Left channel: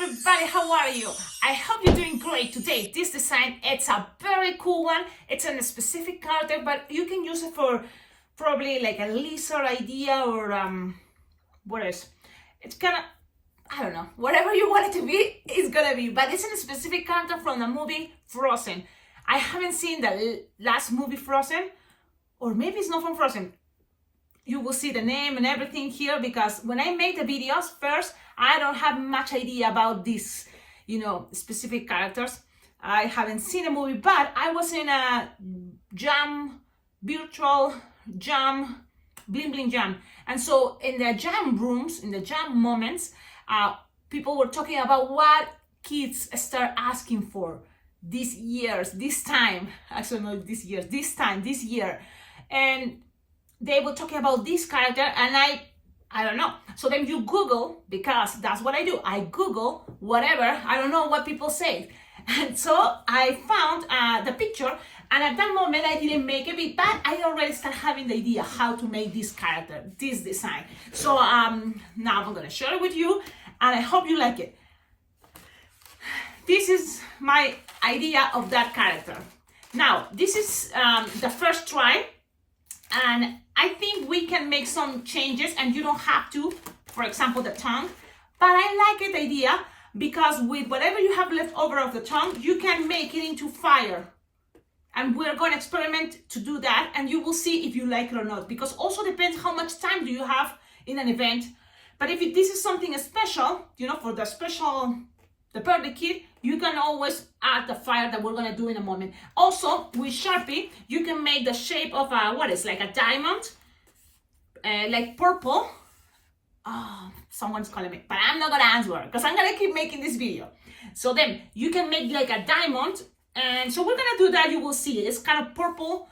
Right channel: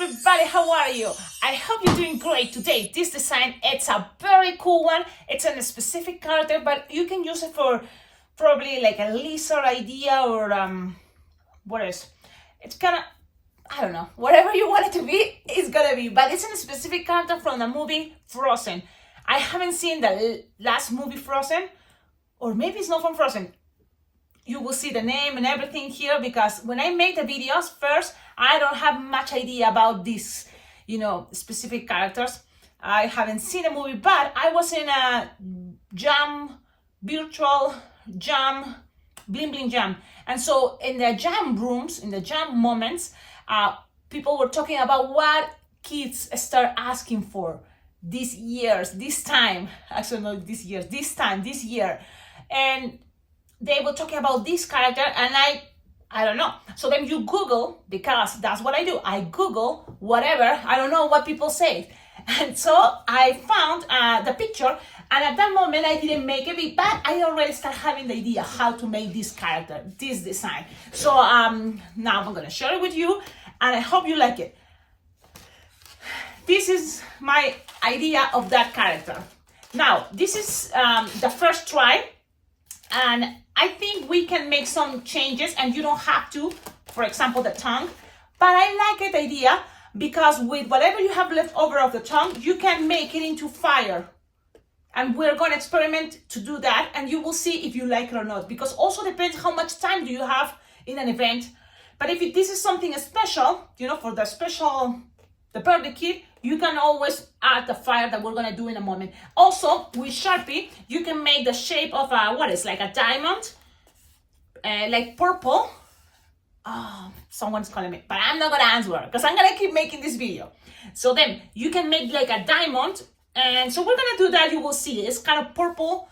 everybody, how are you? I hope you're doing great today. This design, it's a very cool one. It's on a specific character, but you can use it for probably like a lizard idea or what is? It's kind of, I don't know, whatever you want it to be, it's gonna be, but it's in a specific character from the movie Frozen. I haven't seen the last movie Frozen, or maybe it's not from Frozen. You will see the name and everything here, because when I make the videos first, I don't have much idea about these, specific characters. I haven't seen a movie, but I was in a virtual jam, bling bling jam. And so in the jam rooms, in the jam moments, people were talking about what kids start asking for these years, this time, actually not this year, this year. And they were talking about this character, and I don't know. So then you Google, because that's what I do. I Google whatever, I don't know what people say. And so I found the picture, and at that moment I didn't make it, but I already start having the idea how to make this character, this design. So now I'm gonna share it with you, and I hope you like it. This is my idea of that character. Now, this is the first try, and I think we can make some changes, and you don't have to, for example, the tongue, but I like the idea because with whatever you have left over of the tongue, you can make it into fire. And we're going to experiment to do that, and you will see if you like it or not, because also depends how much time do you have in an event. But if this is something special, for the birthday kid, you can always add the fire that we're gonna do in a moment. Also, with Sharpie, you can make the shape of like a diamond, like purple. Oh, someone's calling me, but I'm not gonna answer because I'm gonna keep making this video. So then you can make like a diamond, and so we're gonna do that. You will see it's kind of purple.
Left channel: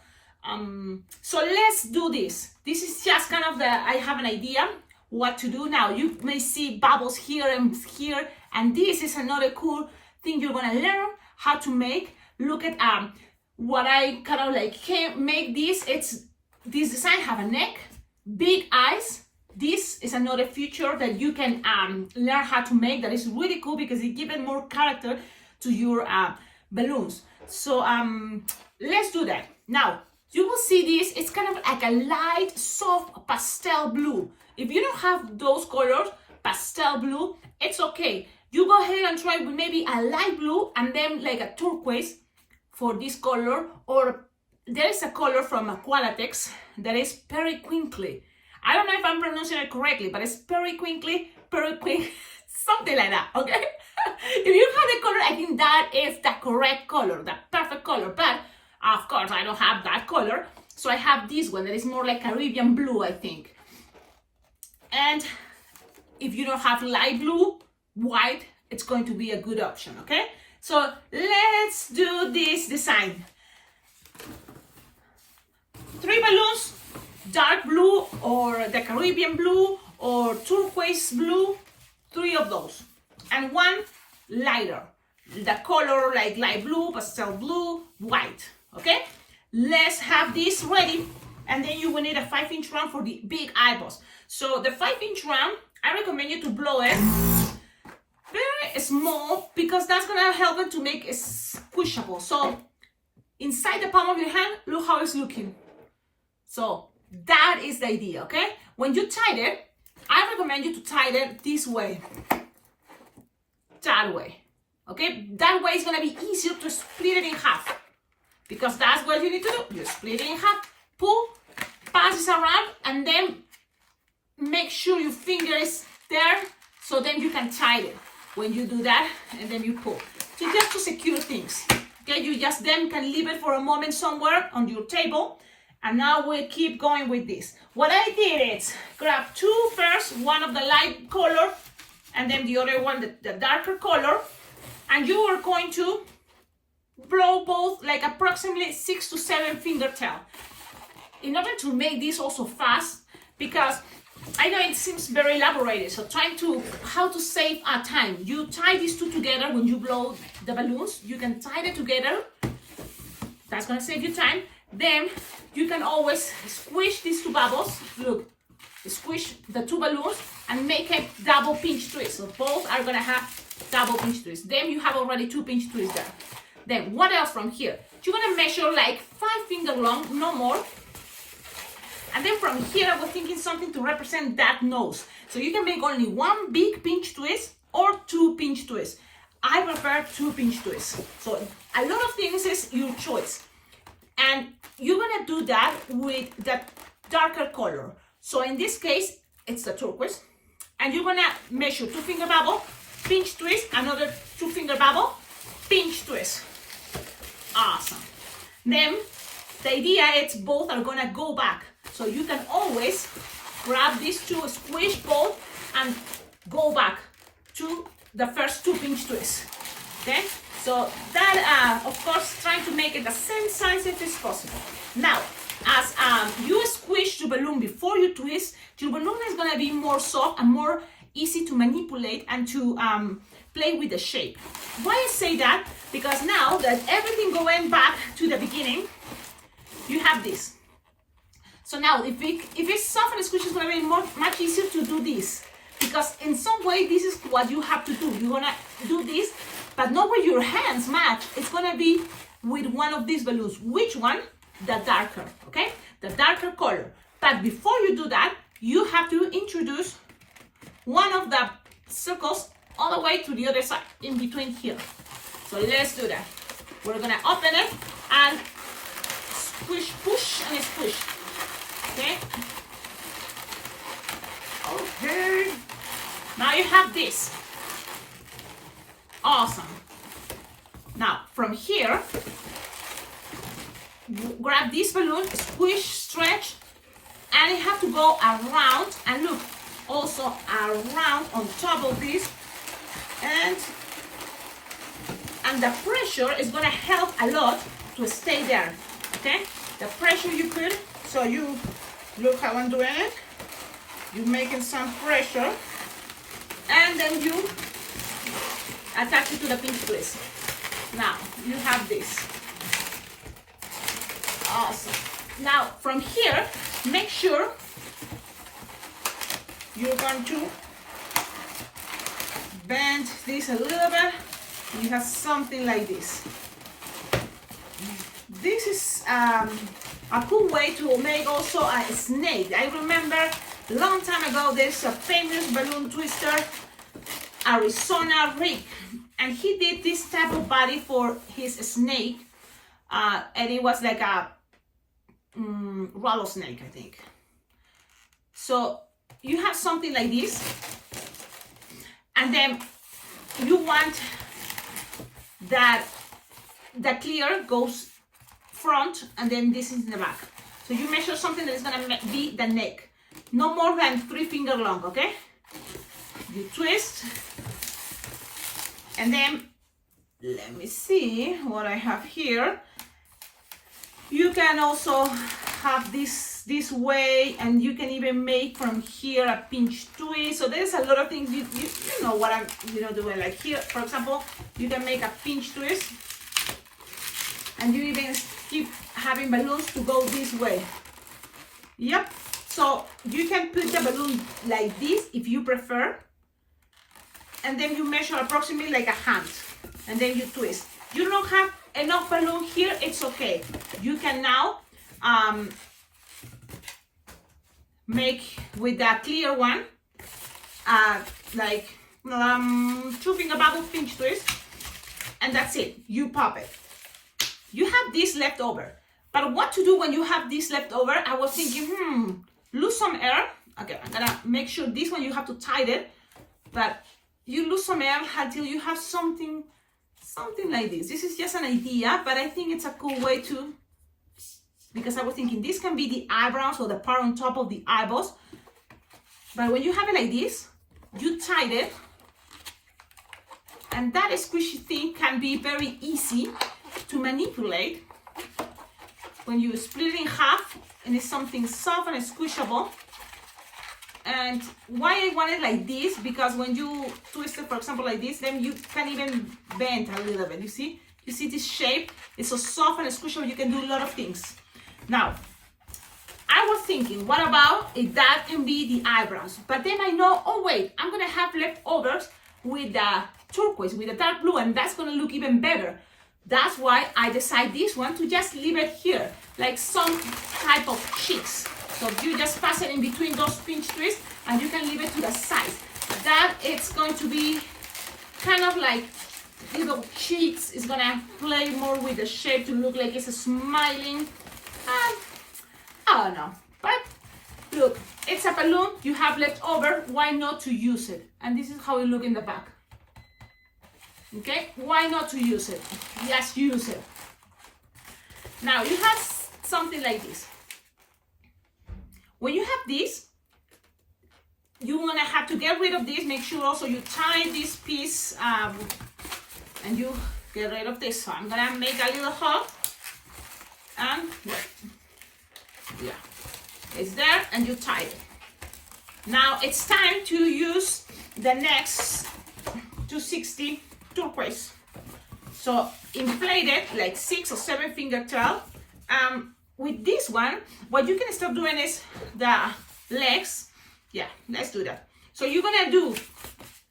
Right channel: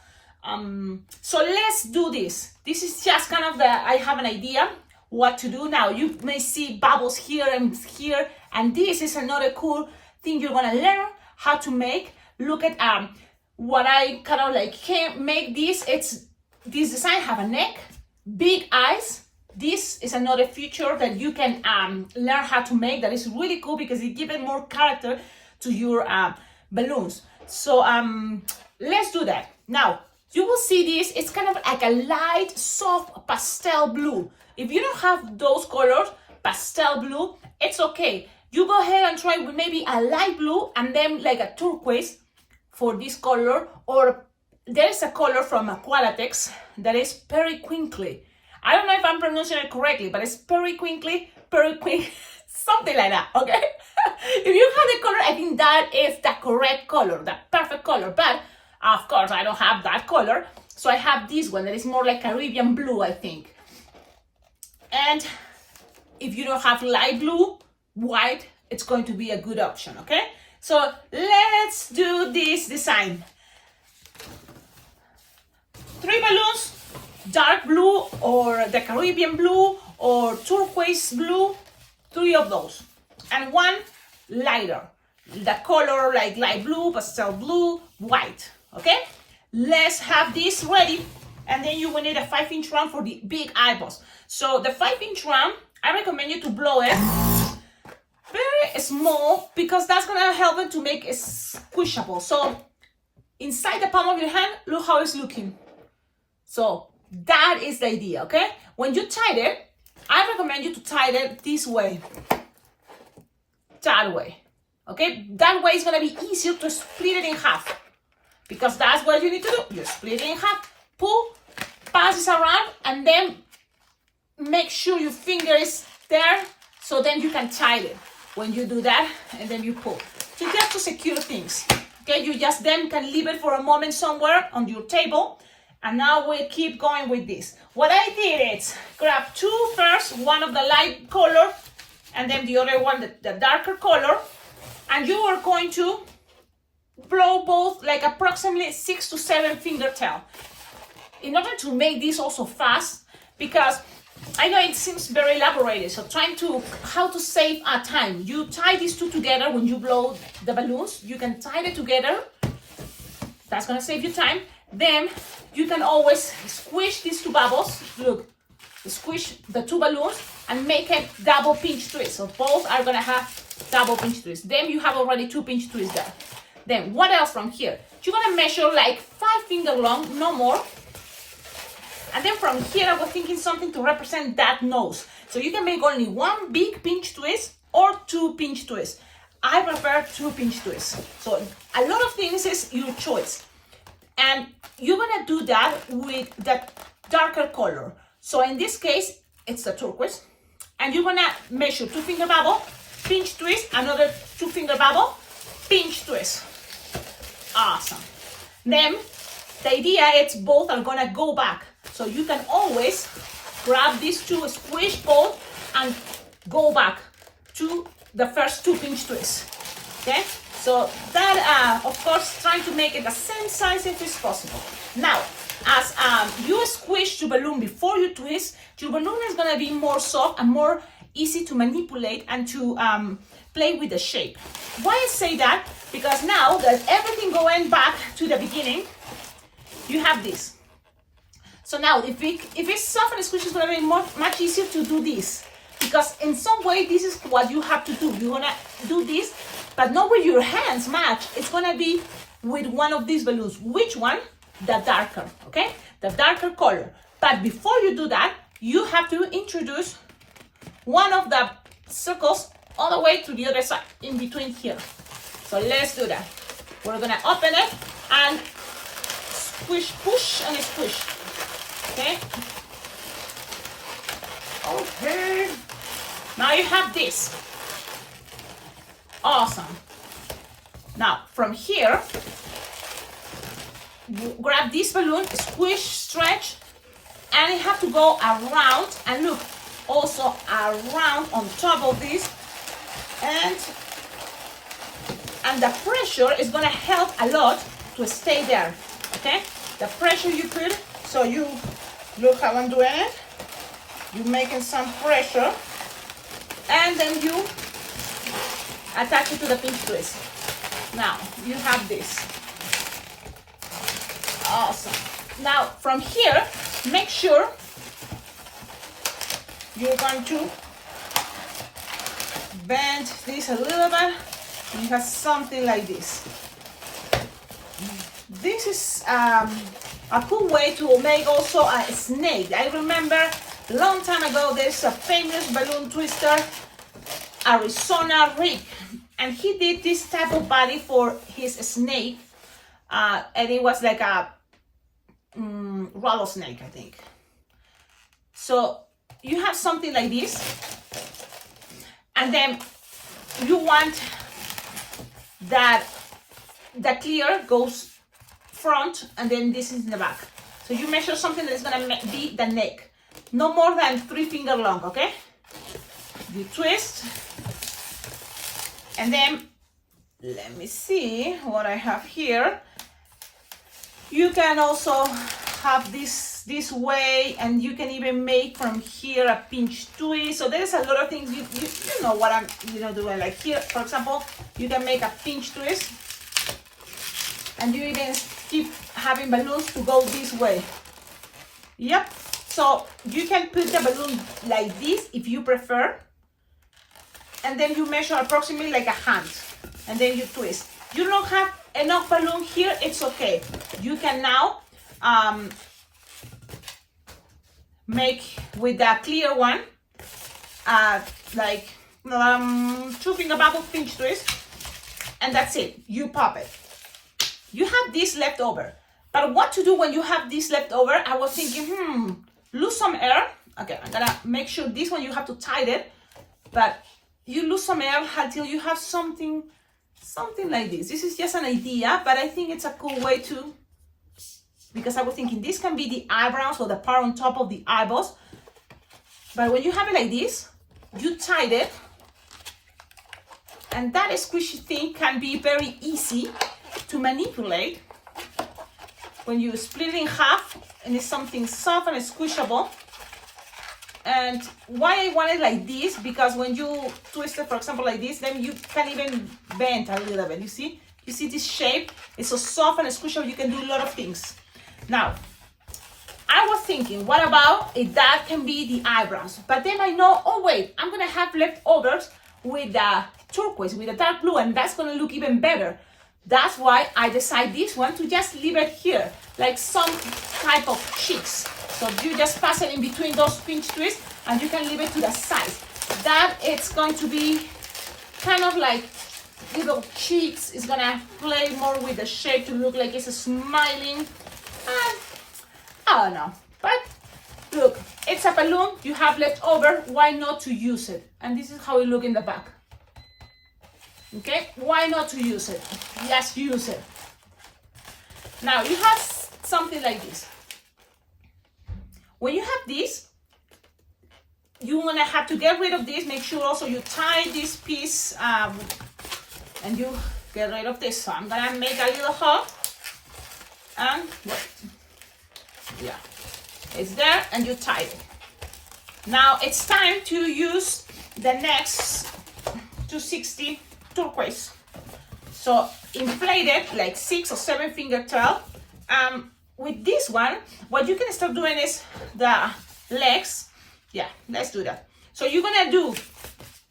So let's do this. This is just kind of I have an idea what to do now. You may see bubbles here and here, and this is another cool thing you're gonna learn how to make. Look at what I kind of like make this. It's this design have a neck, big eyes. This is another feature that you can learn how to make. That is really cool because it gives more character to your balloons. So let's do that. Now you will see this. It's kind of like a light, soft pastel blue. If you don't have those colors, pastel blue, it's okay. You go ahead and try with maybe a light blue and then like a turquoise for this color, or there is a color from Aqualatex that is periwinkly. I don't know if I'm pronouncing it correctly, but it's periwinkly, something like that, okay? If you have the color, I think that is the correct color, the perfect color, but of course I don't have that color, so I have this one that is more like Caribbean blue, I think. And if you don't have light blue, white, it's going to be a good option, okay? So let's do this design. 3 balloons, dark blue or the Caribbean blue or turquoise blue, 3 of those. And 1 lighter, the color like light blue, pastel blue, white, okay? Let's have this ready, and then you will need a 5-inch round for the big eyeballs. So the 5-inch round, I recommend you to blow it very small, because that's gonna help it to make it squishable. So inside the palm of your hand, look how it's looking. So that is the idea, okay? When you tie it, I recommend you to tie it this way, that way, okay? That way it's gonna be easier to split it in half, because that's what you need to do. You split it in half, pull, pass it around, and then make sure your finger is there, so then you can tie it when you do that, and then you pull. So just to secure things, okay? You just then can leave it for a moment somewhere on your table, and now we'll keep going with this. What I did is grab 2 first, one of the light color, and then the other one, the darker color, and you are going to blow both like approximately 6 to 7 fingertail. In order to make this also fast, because I know it seems very elaborated, so how to save time. You tie these 2 together when you blow the balloons. You can tie it together. That's gonna save you time. Then you can always squish these 2 bubbles. Look, squish the 2 balloons and make a double pinch twist. So both are gonna have double pinch twist. Then you have already 2 pinch twists there. Then what else from here? You're gonna measure like 5 finger long, no more. And then from here, I was thinking something to represent that nose. So you can make only 1 big pinch twist or 2 pinch twists. I prefer 2 pinch twists. So a lot of things is your choice. And you're gonna do that with that darker color. So in this case, it's the turquoise. And you're gonna measure 2 finger bubble, pinch twist, another 2 finger bubble, pinch twist. Awesome. Then the idea is both are gonna go back. So you can always grab these 2, squish both, and go back to the first 2 pinch twists. Okay? So that, of course, trying to make it the same size if it's possible. Now, as you squish your balloon before you twist, your balloon is gonna be more soft and more easy to manipulate and to play with the shape. Why I say that? Because now that everything going back to the beginning, you have this. So now, if it's soft and squishy, it's gonna be much easier to do this. Because in some way, this is what you have to do. You're gonna do this, but not with your hands match. It's gonna be with one of these balloons. Which one? The darker, okay? The darker color. But before you do that, you have to introduce one of the circles all the way to the other side, in between here. So let's do that. We're gonna open it and squish, push, and squish. Okay? Okay. Now you have this. Awesome. Now from here, you grab this balloon, squish, stretch, and you have to go around, and look, also around on top of this, and the pressure is gonna help a lot to stay there. Okay? The pressure you put, so you look how I'm doing it. You're making some pressure, and then you attach it to the pinch twist. Now you have this. Awesome. Now from here, make sure you're going to bend this a little bit. You have something like this. This is a cool way to make also a snake. I remember a long time ago, there's a famous balloon twister, Arizona Rick, and he did this type of body for his snake, and it was like a rattlesnake, I think. So you have something like this, and then you want that the clear goes front, and then this is in the back. So you measure something that is gonna be the neck, no more than 3 finger long, okay? You twist, and then let me see what I have here. You can also have this way, and you can even make from here a pinch twist. So there's a lot of things. You know what I'm doing. Like here, for example, you can make a pinch twist, and you even keep having balloons to go this way. Yep. So you can put the balloon like this if you prefer, and then you measure approximately like a hand, and then you twist. You don't have enough balloon here, it's okay. You can now make with the clear one like 2 finger bubble pinch twist, and that's it. You pop it. You have this left over, but what to do when you have this left over? I was thinking, lose some air. Okay, I'm gonna make sure this one you have to tighten it, but you lose some air until you have something like this. This is just an idea, but I think it's a cool way to, because I was thinking this can be the eyebrows or the part on top of the eyeballs, but when you have it like this, you tie it, and that squishy thing can be very easy to manipulate when you split it in half, and it's something soft and squishable. And why I want it like this, because when you twist it, for example, like this, then you can even bend a little bit. You see this shape? It's so soft and squishable, you can do a lot of things. Now, I was thinking, what about if that can be the eyebrows? But then I know, oh wait, I'm gonna have leftovers with the turquoise with a dark blue, and that's gonna look even better. That's why I decide this one to just leave it here, like some type of cheeks. So you just pass it in between those pinch twists, and you can leave it to the side. That it's going to be kind of like little cheeks. It's gonna play more with the shape to look like it's smiling. I don't know, but look, it's a balloon you have left over. Why not to use it? And this is how it look in the back. Okay, why not to use it? Just use it. Now you have something like this. When you have this, you're gonna have to get rid of this. Make sure also you tie this piece and you get rid of this. So I'm gonna make a little hole and wait. Yeah, it's there and you tie it. Now it's time to use the next 260 turquoise. So inflate it like 6 or 7 finger tail. With this one, what you can start doing is the legs. Yeah, let's do that. So you're gonna do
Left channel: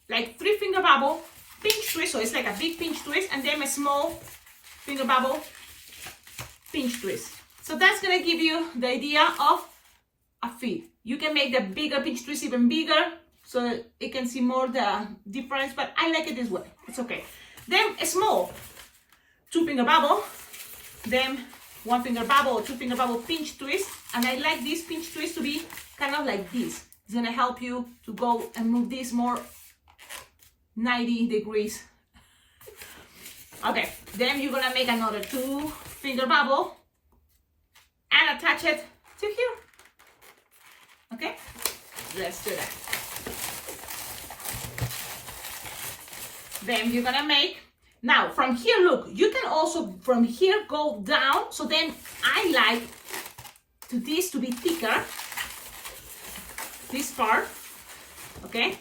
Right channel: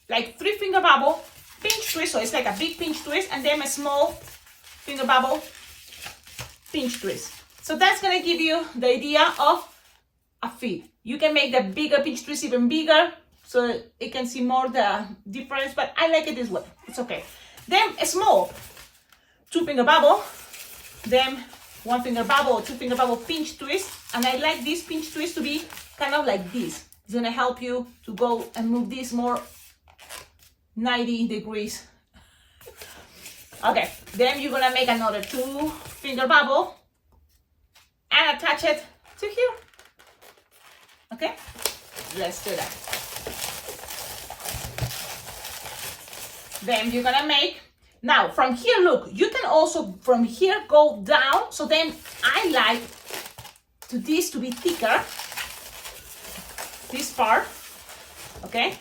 like 3 finger bubble, pinch twist. So it's like a big pinch twist, and then a small finger bubble, pinch twist. So that's gonna give you the idea of a feet. You can make the bigger pinch twist even bigger, so it can see more the difference, but I like it this way. It's okay. Then a small 2 finger bubble, then 1 finger bubble, 2 finger bubble pinch twist, and I like this pinch twist to be kind of like this. It's gonna help you to go and move this more 90 degrees. Okay, then you're gonna make another 2 finger bubble and attach it to here. Okay, let's do that. Then you're gonna make, now from here, look, you can also from here go down. So then I like this to be thicker, this part, okay?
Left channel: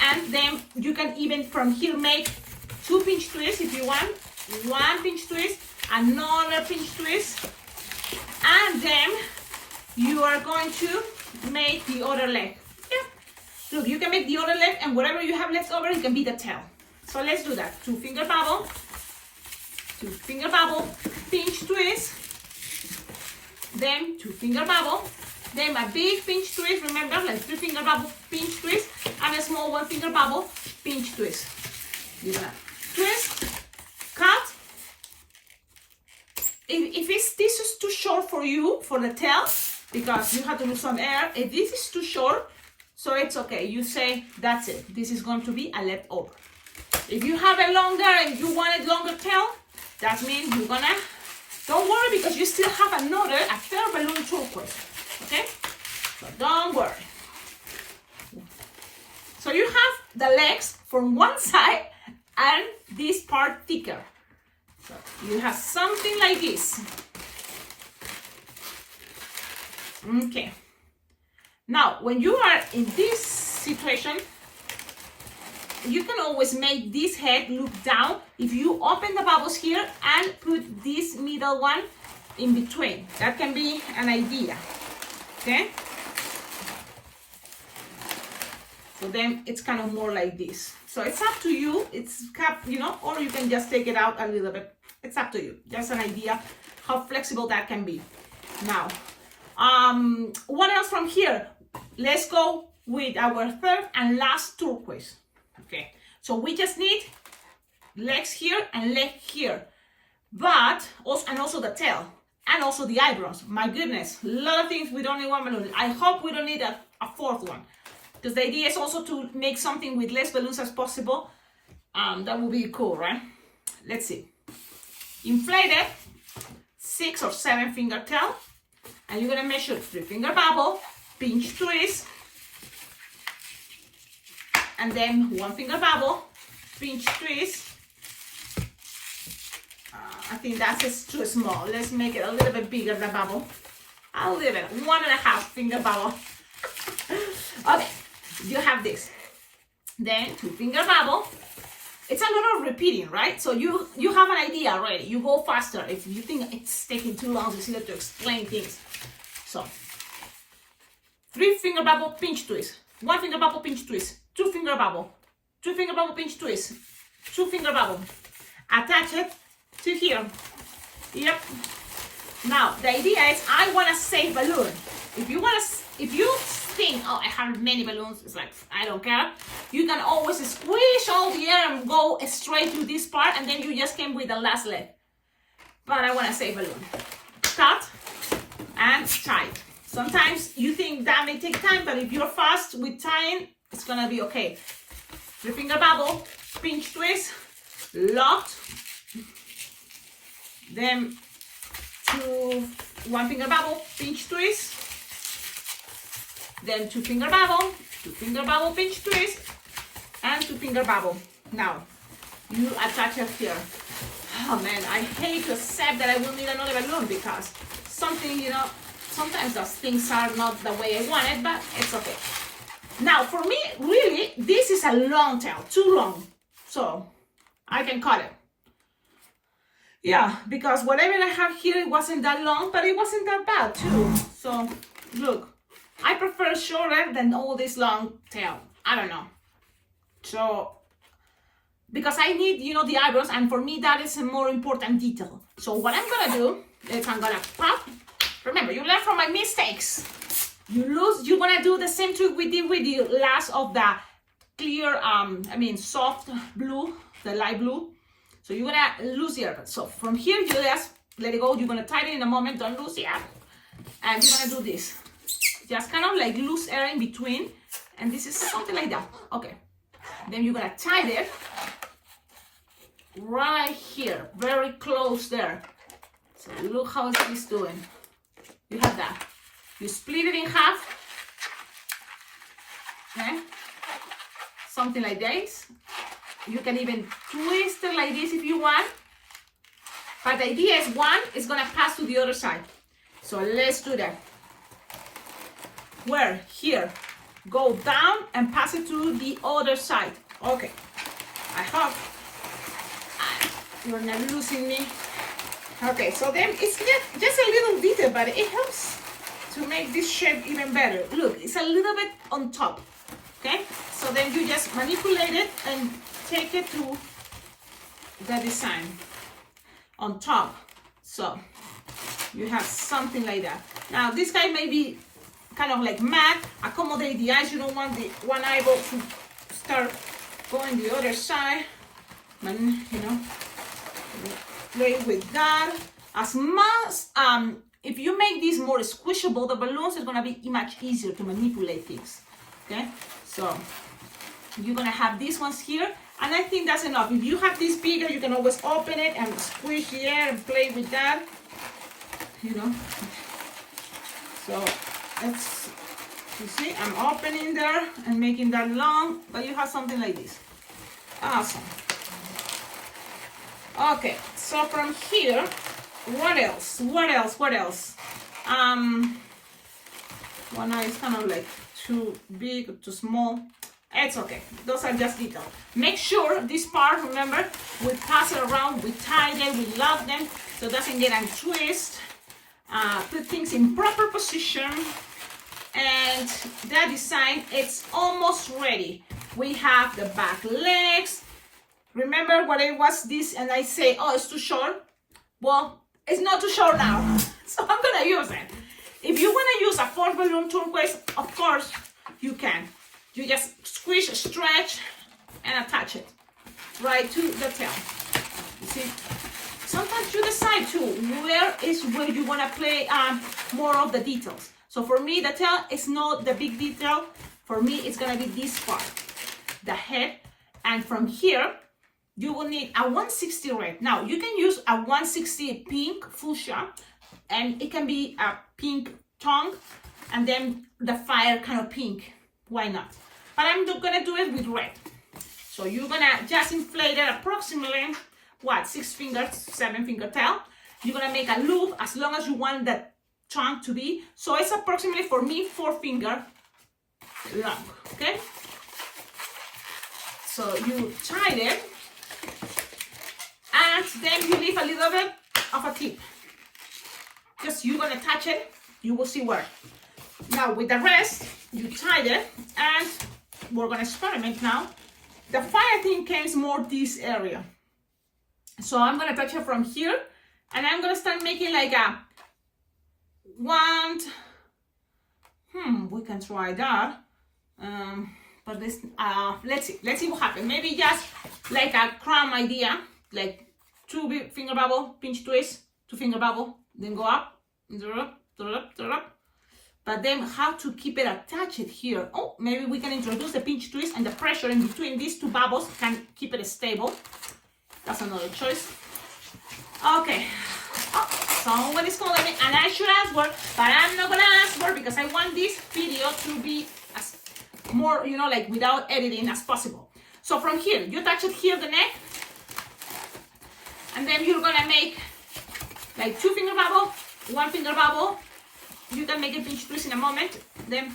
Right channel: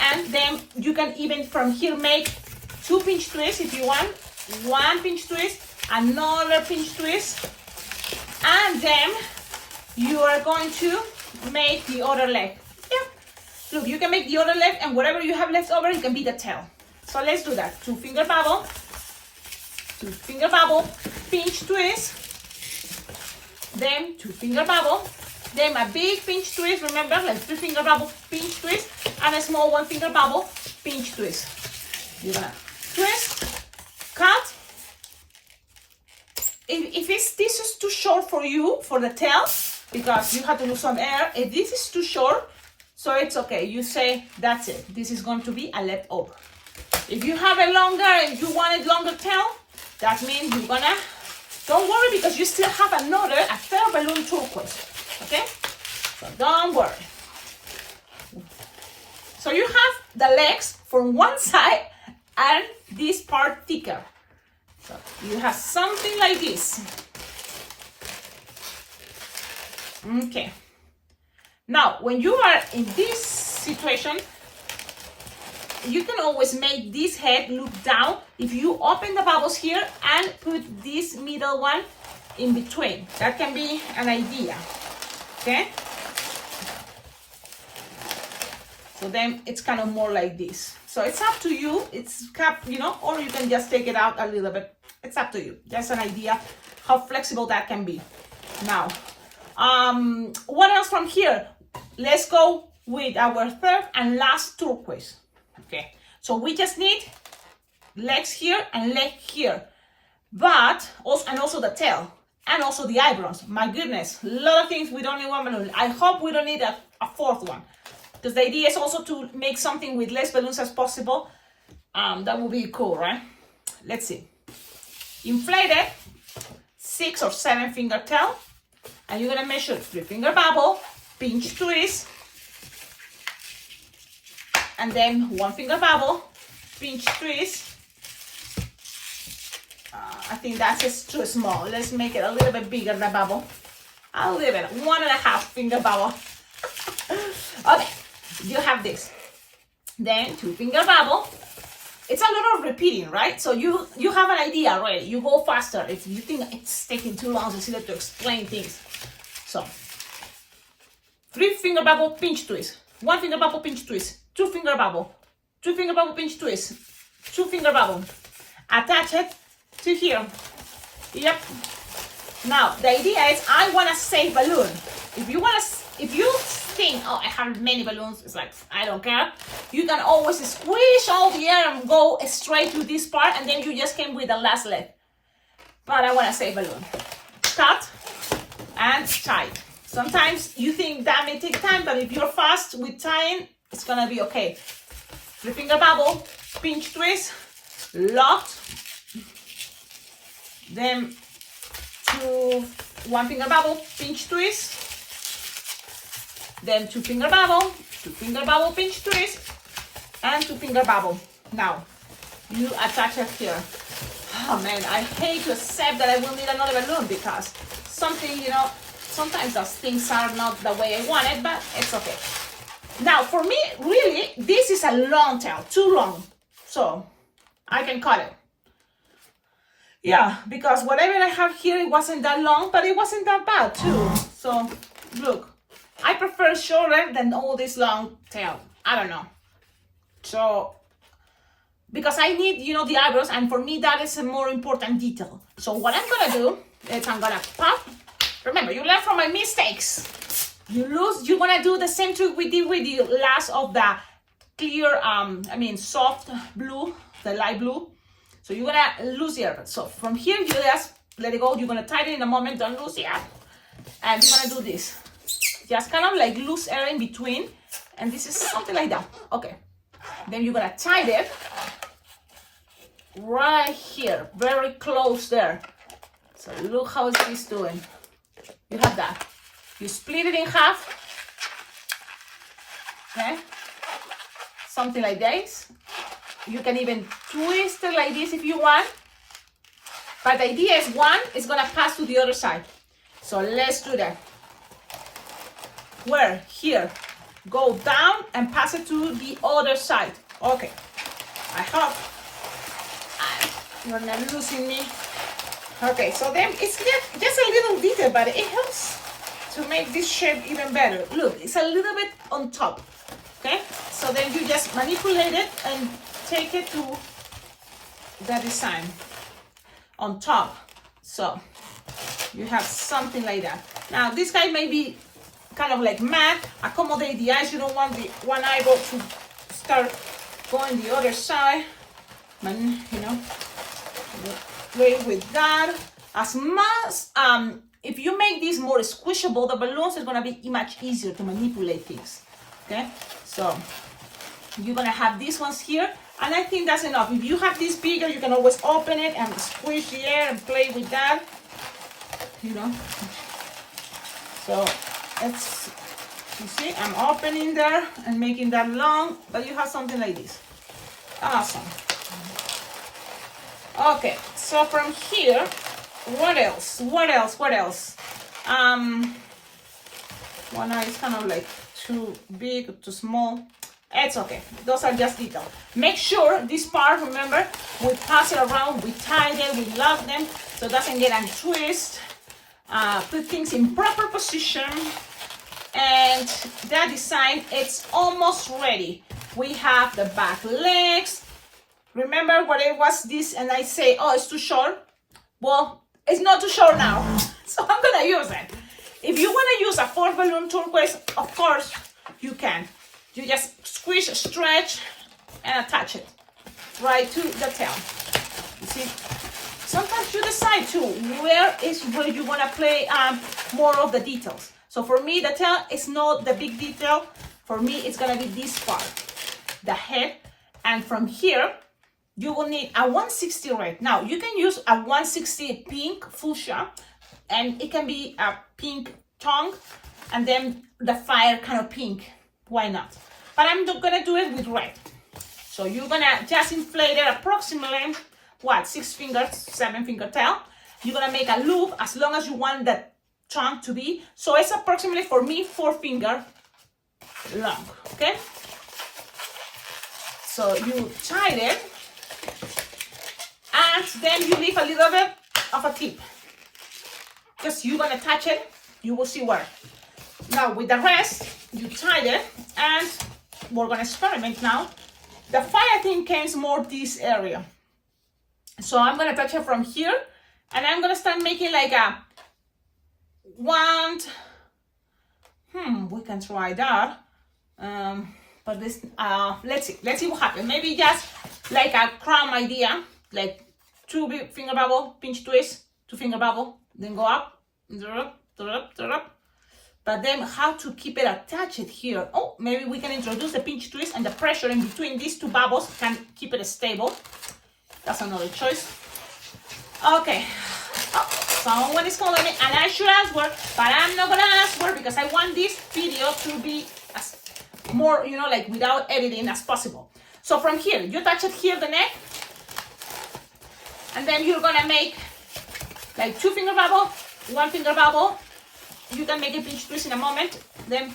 And then you can even from here make 2 pinch twists if you want, 1 pinch twist, another pinch twist, and then you are going to make the other leg. Yeah, look, you can make the other leg, and whatever you have left over, you can be the tail. So let's do that. 2 finger bubble, 2 finger bubble, pinch twist, then 2 finger bubble, then a big pinch twist, remember, like 3 finger bubble, pinch twist, and a small 1 finger bubble, pinch twist. You're gonna twist, cut. If this is too short for you, for the tail, because you have to lose some air, if this is too short, so it's okay. You say, that's it. This is going to be a leftover. If you have it longer and you want it longer tail, that means you're gonna, don't worry, because you still have a third balloon turquoise, okay? So don't worry. So you have the legs from one side and this part thicker. So you have something like this. Okay. Now, when you are in this situation, you can always make this head look down if you open the bubbles here and put this middle one in between. That can be an idea, okay? So then it's kind of more like this. So it's up to you. It's cap, you know, or you can just take it out a little bit. It's up to you. Just an idea how flexible that can be. Now, what else from here? Let's go with our third and last turquoise. Okay, so we just need legs here and leg here, but also the tail and also the eyebrows. My goodness, a lot of things we don't need one balloon. I hope we don't need a fourth one, because the idea is also to make something with less balloons as possible. That would be cool, right? Let's see. Inflate it, 6 or 7 finger tail, and you're gonna measure 3 finger bubble, pinch twist, and then 1 finger bubble, pinch twist. I think that's just too small. Let's make it a little bit bigger, the bubble. A little bit, 1.5 finger bubble. Okay, you have this. Then 2 finger bubble. It's a lot of repeating, right? So you have an idea already. You go faster if you think it's taking too long, Cecilia, to explain things. So 3 finger bubble, pinch twist. 1 finger bubble, pinch twist. 2 finger bubble, 2 finger bubble, pinch twist, 2-finger bubble. Attach it to here. Yep. Now the idea is I want to save balloon. If you think, oh, I have many balloons, it's like I don't care. You can always squish all the air and go straight to this part, and then you just came with the last leg. But I want to save balloon. Cut and tie. Sometimes you think that may take time, but if you're fast with tying, it's gonna be okay. 3-finger bubble, pinch twist, locked. Then 1-finger bubble, pinch twist. Then 2-finger bubble, 2-finger bubble, pinch twist, and 2-finger bubble. Now you attach it here. Oh man, I hate to accept that I will need another balloon because something, you know, sometimes those things are not the way I want it, but it's okay. Now for me, really, this is a long tail, too long. So I can cut it. Yeah, because whatever I have here, it wasn't that long, but it wasn't that bad too. So look, I prefer shorter than all this long tail. I don't know. So, because I need, you know, the eyebrows, and for me that is a more important detail. So what I'm gonna do is I'm gonna pop. Remember, you learn from my mistakes. You're gonna do the same trick we did with the last of the clear, soft blue, the light blue. So you're gonna lose the air. So from here, you just let it go. You're gonna tie it in a moment, don't lose the air. And you're gonna do this. Just kind of like loose air in between. And this is something like that. Okay. Then you're gonna tie it right here, very close there. So look how it's doing. You have that. You split it in half. Okay. Something like this. You can even twist it like this if you want. But the idea is one is gonna pass to the other side. So let's do that. Where? Here. Go down and pass it to the other side. Okay. I hope you're not losing me. Okay, so then it's just a little detail, but it helps to make this shape even better. Look, it's a little bit on top. Okay, so then you just manipulate it and take it to the design on top. So you have something like that. Now this guy may be kind of like matte. Accommodate the eyes. You don't want the one eyeball to start going the other side. But, you know, play with that. As much, if you make this more squishable, the balloons is gonna be much easier to manipulate things. Okay, so you're gonna have these ones here, and I think that's enough. If you have this bigger, you can always open it and squish the air and play with that. You know, so it's, you see, I'm opening there and making that long, but you have something like this. Awesome. Okay, so from here, what else? What else? What else? One eye is kind of like too big or too small. It's okay. Those are just details. Make sure this part, remember, we pass it around, we tie them, we lock them so it doesn't get untwist. Put things in proper position, and that design, it's almost ready. We have the back legs. Remember what it was this, and I say, oh, it's too short. Well, it's not too short now, so I'm gonna use it. If you wanna use a 4th balloon turquoise, of course you can. You just squish, stretch, and attach it right to the tail. You see? Sometimes you decide too, where you wanna play more of the details. So for me, the tail is not the big detail. For me, it's gonna be this part, the head, and from here, you will need a 160 red. Now, you can use a 160 pink fuchsia, and it can be a pink tongue, and then the fire kind of pink. Why not? But I'm not gonna do it with red. So you're gonna just inflate it approximately, what, 6 fingers, 7 finger tail. You're gonna make a loop as long as you want that tongue to be. So it's approximately, for me, 4 finger long, okay? So you tie it, and then you leave a little bit of a tip. Just you're gonna touch it, you will see where. Now with the rest, you tie it, and we're gonna experiment now the fire thing comes more this area. So I'm gonna touch it from here, and I'm gonna start making like a one. We can try that. But this, let's see what happens. Maybe just like a crumb idea, like 2 finger bubble, pinch twist, 2 finger bubble, then go up, up. But then how to keep it attached here? Oh, maybe we can introduce the pinch twist, and the pressure in between these 2 bubbles can keep it stable. That's another choice. Okay. Oh, someone is calling me, and I should answer, but I'm not gonna answer because I want this video to be as more, you know, like without editing as possible. So from here, you touch it here, the neck, and then you're gonna make like 2 finger bubble, 1 finger bubble. You can make a pinch twist in a moment, then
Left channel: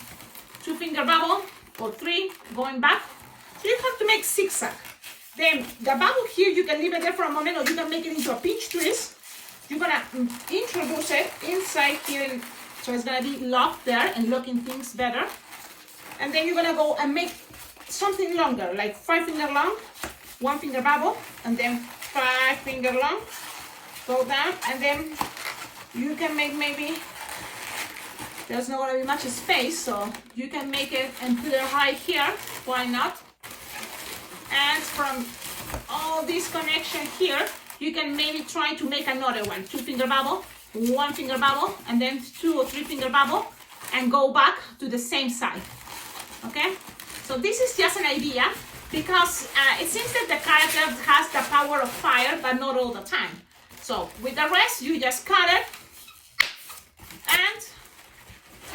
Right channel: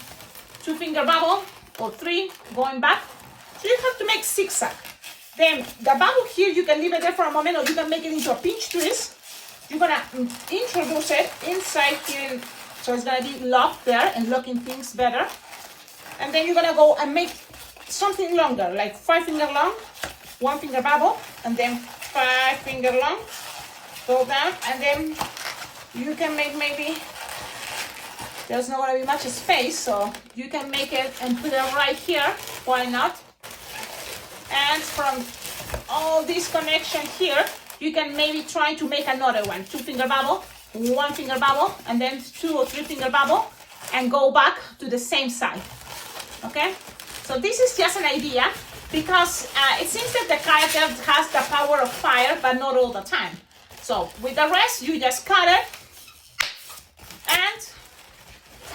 2 finger bubble or 3 going back. So you have to make zigzag. Then the bubble here, you can leave it there for a moment, or you can make it into a pinch twist. You're gonna introduce it inside here, so it's gonna be locked there and locking things better. And then you're gonna go and make something longer, like 5 finger long, 1 finger bubble, and then 5 finger long, go down, and then you can make maybe, there's not gonna be much space, so you can make it and put it right here, why not? And from all this connection here, you can maybe try to make another one, 2 finger bubble, 1 finger bubble, and then 2 or 3 finger bubble, and go back to the same side. Okay, so this is just an idea because it seems that the character has the power of fire, but not all the time. So with the rest, you just cut it and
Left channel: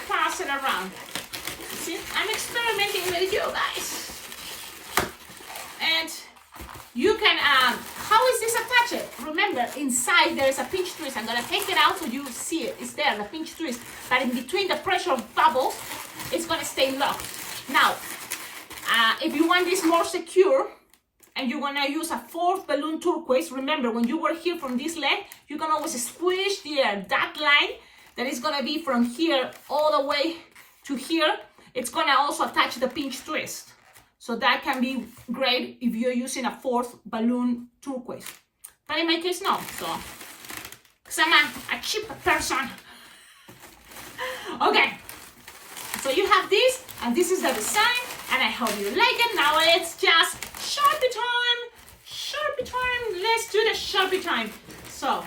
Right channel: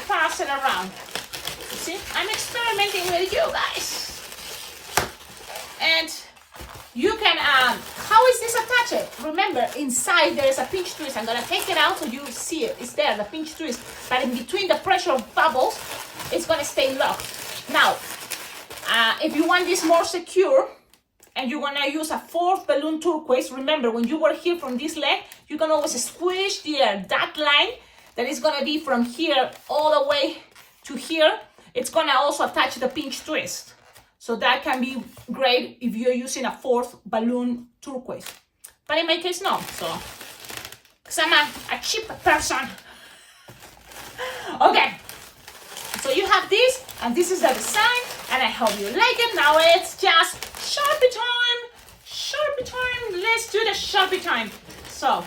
pass it around. You see, I'm experimenting with you guys. And you can, how is this attached? Remember, inside there is a pinch twist. I'm gonna take it out so you see it. It's there, the pinch twist. But in between the pressure of bubbles, it's gonna stay locked. Now, if you want this more secure, and you're gonna use a 4th balloon turquoise, remember when you were here from this leg, you can always squish the air. That line that is gonna be from here all the way to here, it's gonna also attach the pinch twist. So that can be great if you're using a 4th balloon turquoise. But in my case, no. So, because I'm a cheap person. Okay. So you have this, and this is the design, and I hope you like it. Now it's just Sharpie time. Sharpie time. Let's do the Sharpie time. So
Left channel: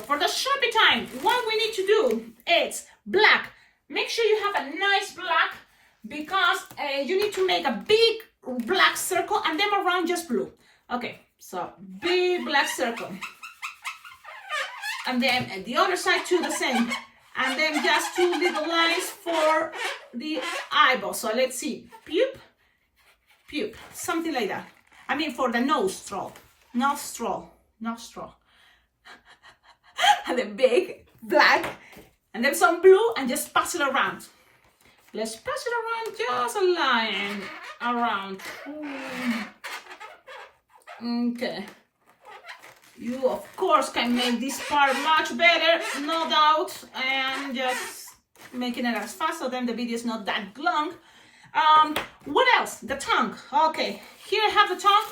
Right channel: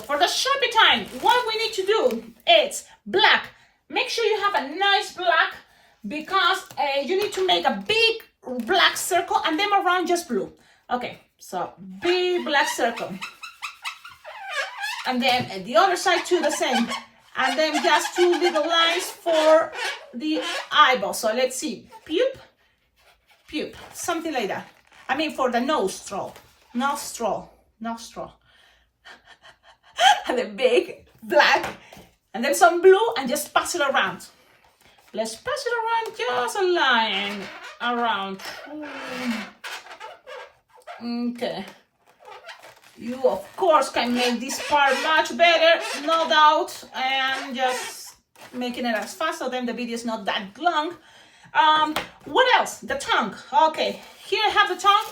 for the Sharpie time, what we need to do is black. Make sure you have a nice black, because you need to make a big black circle and then around just blue. Okay, so big black circle. And then at the other side too, the same. And then just 2 little lines for the eyeball. So let's see, pew, pew, something like that. I mean for the nostril. And then big black, and then some blue, and just pass it around. Let's pass it around, just a line around. Okay. You, of course, can make this part much better, no doubt. I'm just making it as fast, so then the video is not that long. What else? The tongue. Okay, here I have the tongue.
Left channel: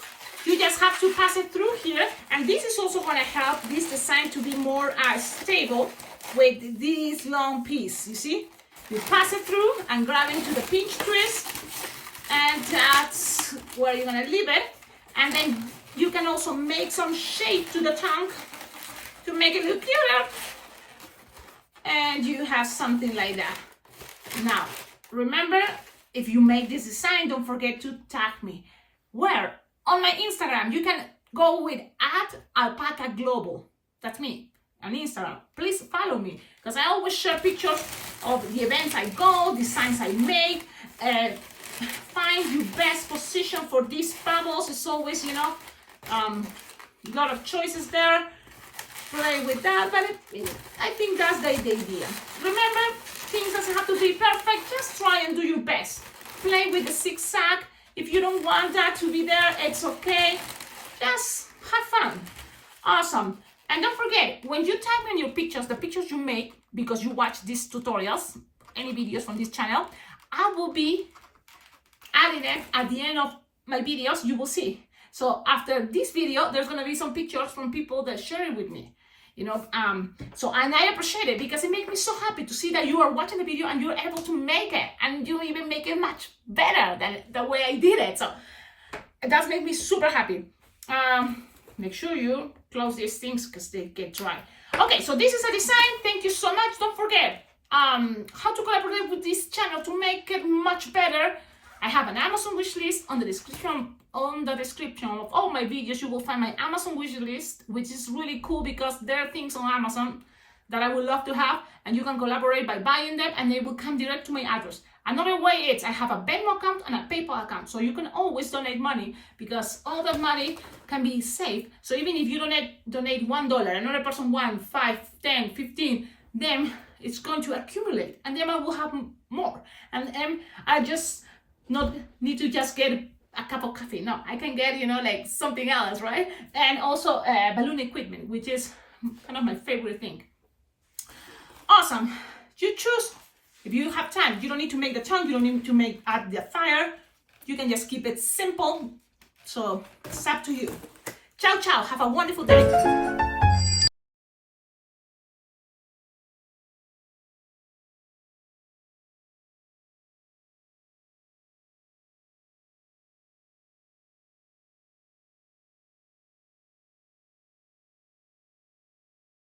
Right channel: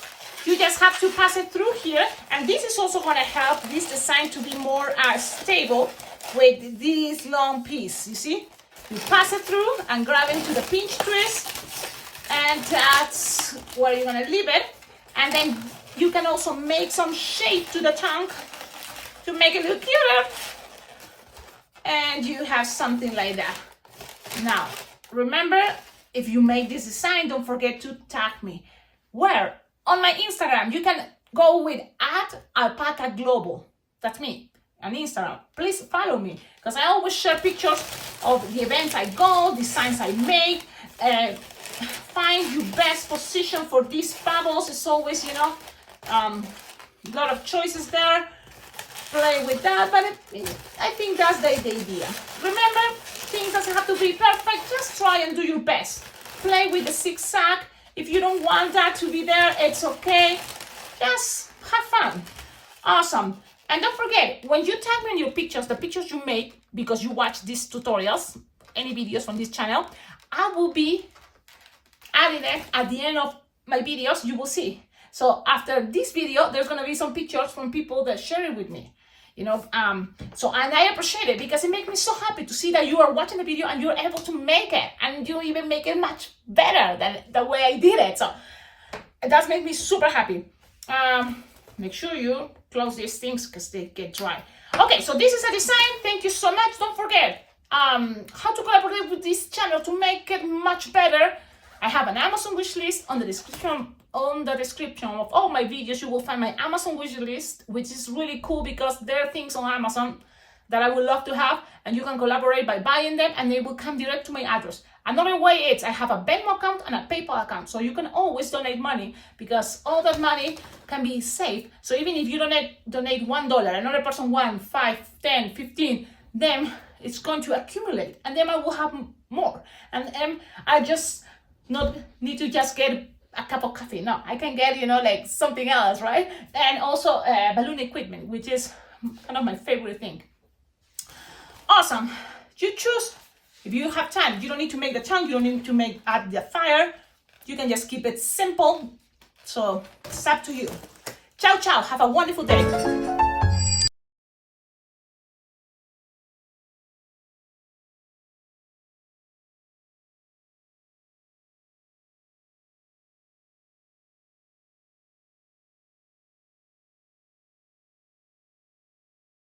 You just have to pass it through here, and this is also going to help this design to be more stable with this long piece. You see? You pass it through and grab into the pinch twist, and that's where you're going to leave it. And then you can also make some shape to the tongue to make it look cuter. And you have something like that. Now, remember, if you make this design, don't forget to tag me. Where? On my Instagram. You can go with @Alpacaglobo. That's me on Instagram. Please follow me, because I always share pictures of the events I go, designs I make, find your best position for these bubbles. It's always, you know, a lot of choices there. Play with that, but I think that's the idea. Remember, things doesn't have to be perfect. Just try and do your best. Play with the zigzag. If you don't want that to be there, it's okay. Just have fun. Awesome. And don't forget, when you tag me in your pictures, the pictures you make because you watch these tutorials, any videos from this channel, I will be adding it at the end of my videos, you will see. So after this video, there's gonna be some pictures from people that share it with me. You know, so, and I appreciate it because it makes me so happy to see that you are watching the video and you're able to make it, and you even make it much better than the way I did it. So it does make me super happy. Make sure you close these things because they get dry. Okay, so this is a design. Thank you so much. Don't forget how to collaborate with this channel to make it much better. I have an Amazon wish list on the description. On the description of all my videos, you will find my Amazon wish list, which is really cool because there are things on Amazon that I would love to have, and you can collaborate by buying them, and they will come direct to my address. Another way is I have a Venmo account and a PayPal account, so you can always donate money because all that money can be saved. So even if you donate $1, another person 1, 5, 10, 15, then it's going to accumulate, and then I will have more. And I just not need to just get a cup of coffee. No, I can get, you know, like something else, right? And also balloon equipment, which is kind of my favorite thing. Awesome. You choose. If you have time, you don't need to make the chunk, you don't need to add the fire. You can just keep it simple. So it's up to you. Ciao, ciao. Have a wonderful day.